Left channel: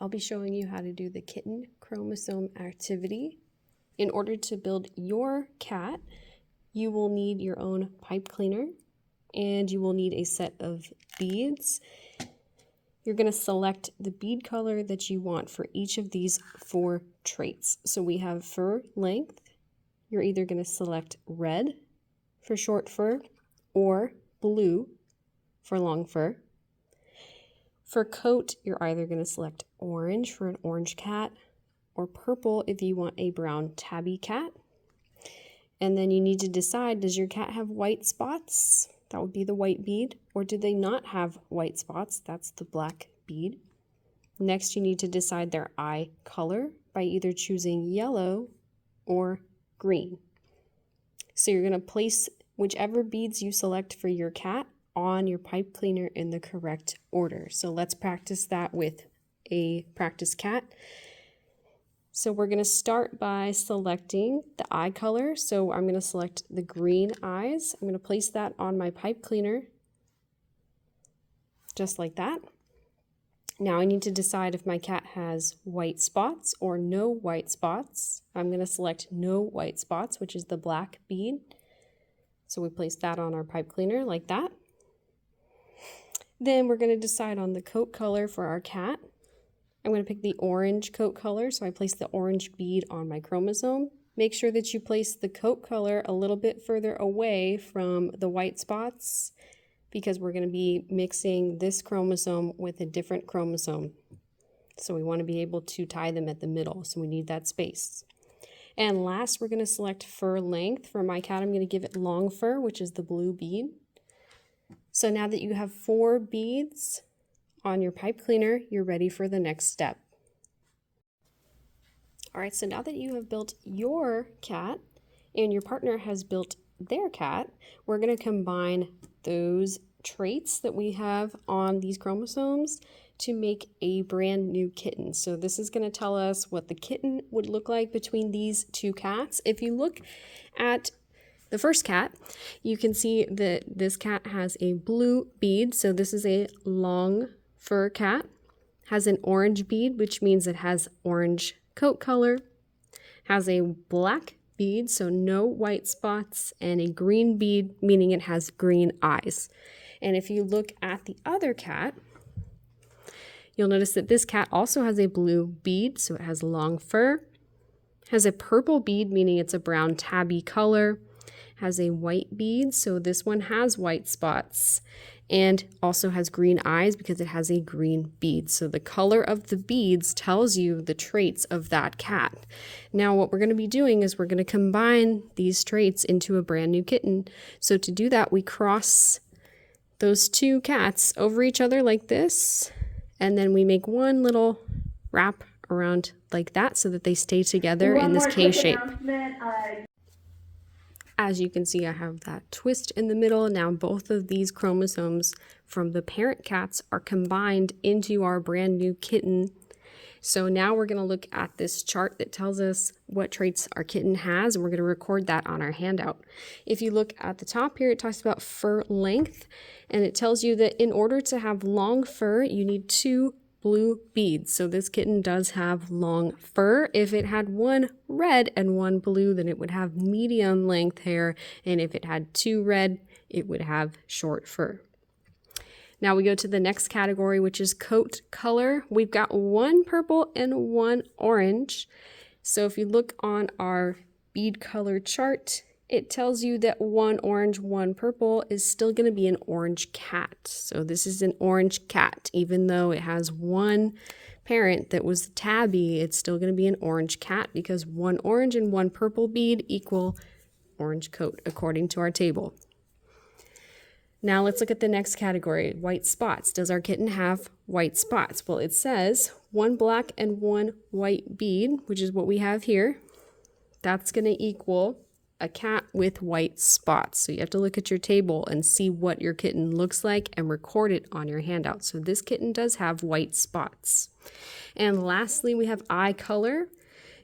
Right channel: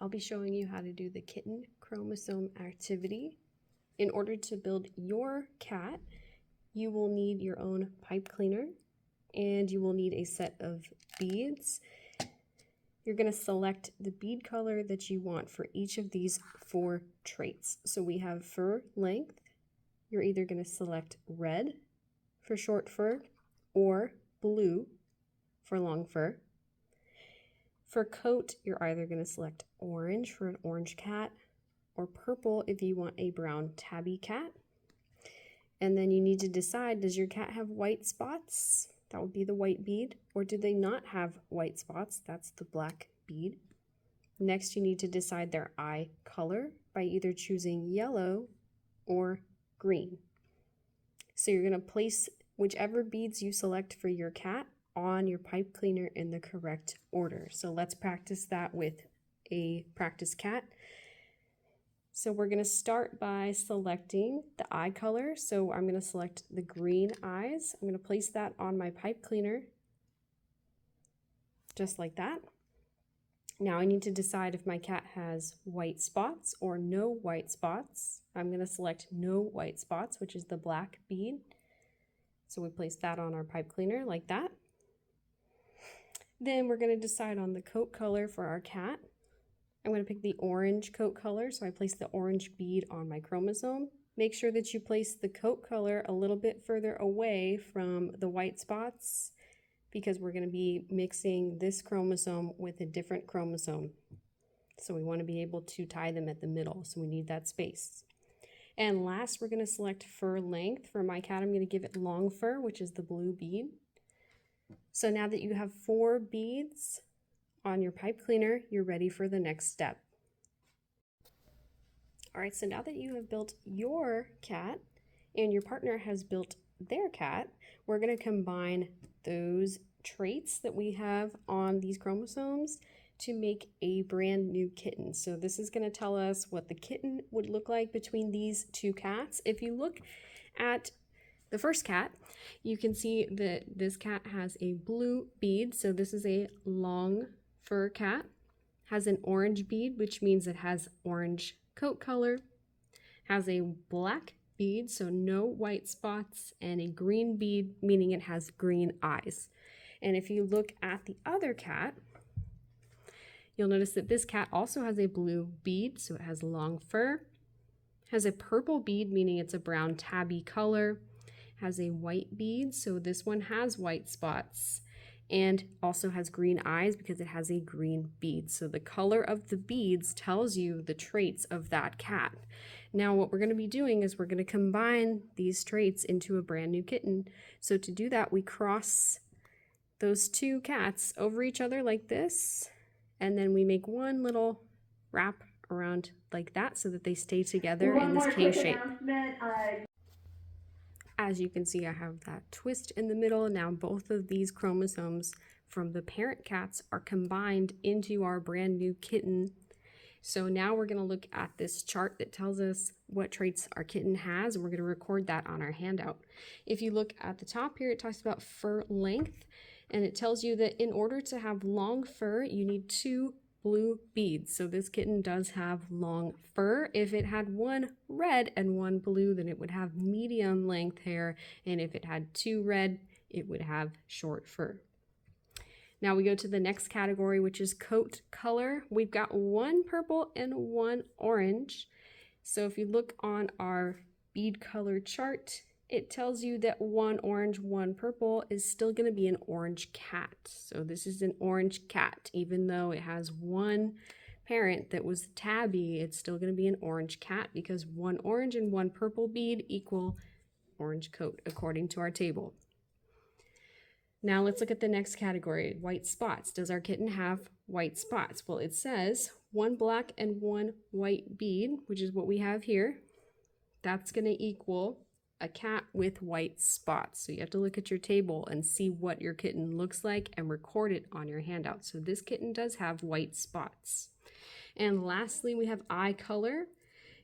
I'll be showing you how to do the kitten chromosome activity. In order to build your cat, you will need your own pipe cleaner and you will need a set of beads. You're going to select the bead color that you want for each of these 4 traits. So we have fur length. You're either going to select red for short fur or blue for long fur. For coat, you're either going to select orange for an orange cat or purple if you want a brown tabby cat. And then you need to decide, does your cat have white spots? That would be the white bead. Or do they not have white spots? That's the black bead. Next, you need to decide their eye color by either choosing yellow or green. So you're going to place whichever beads you select for your cat on your pipe cleaner in the correct order. So let's practice that with a practice cat. So we're going to start by selecting the eye color. So I'm going to select the green eyes. I'm going to place that on my pipe cleaner, just like that. Now I need to decide if my cat has white spots or no white spots. I'm going to select no white spots, which is the black bead. So we place that on our pipe cleaner like that. Then we're going to decide on the coat color for our cat. I'm going to pick the orange coat color, so I place the orange bead on my chromosome. Make sure that you place the coat color a little bit further away from the white spots because we're going to be mixing this chromosome with a different chromosome. So we want to be able to tie them at the middle, so we need that space. And last, we're going to select fur length. For my cat, I'm going to give it long fur, which is the blue bead. So now that you have 4 beads on your pipe cleaner, you're ready for the next step. All right, so now that you have built your cat and your partner has built their cat, we're going to combine those traits that we have on these chromosomes to make a brand new kitten. So this is going to tell us what the kitten would look like between these 2 cats. If you look at the first cat, you can see that this cat has a blue bead, so this is a long fur cat. Has an orange bead, which means it has orange coat color. Has a black bead, so no white spots, and a green bead, meaning it has green eyes. And if you look at the other cat, you'll notice that this cat also has a blue bead, so it has long fur. Has a purple bead, meaning it's a brown tabby color. Has a white bead, so this one has white spots, and also has green eyes because it has a green bead. So the color of the beads tells you the traits of that cat. Now what we're going to be doing is we're going to combine these traits into a brand new kitten. So to do that, we cross those 2 cats over each other like this, and then we make one little wrap around like that so that they stay together in this K shape. As you can see, I have that twist in the middle. Now both of these chromosomes from the parent cats are combined into our brand new kitten. So now we're going to look at this chart that tells us what traits our kitten has, and we're going to record that on our handout. If you look at the top here, it talks about fur length, and it tells you that in order to have long fur, you need 2 blue beads. So this kitten does have long fur. If it had 1 red and 1 blue, then it would have medium length hair. And if it had 2 red, it would have short fur. Now we go to the next category, which is coat color. We've got 1 purple and 1 orange. So if you look on our bead color chart, it tells you that 1 orange, 1 purple is still going to be an orange cat. So this is an orange cat. Even though it has 1 parent that was tabby, it's still going to be an orange cat because 1 orange and 1 purple bead equal orange coat according to our table. Now let's look at the next category, white spots. Does our kitten have white spots? Well, it says 1 black and 1 white bead, which is what we have here. That's going to equal a cat with white spots. So you have to look at your table and see what your kitten looks like and record it on your handout. So this kitten does have white spots. And lastly, we have eye color.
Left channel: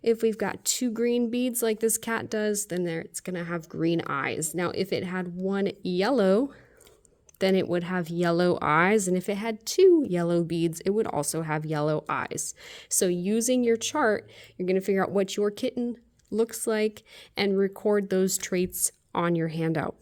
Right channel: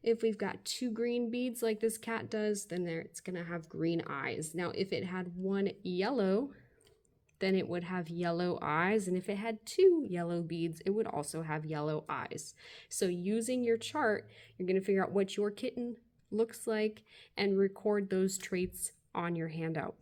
If we've got 2 green beads like this cat does, then it's going to have green eyes. Now, if it had 1 yellow then it would have yellow eyes. And if it had 2 yellow beads, it would also have yellow eyes. So using your chart, you're going to figure out what your kitten looks like and record those traits on your handout.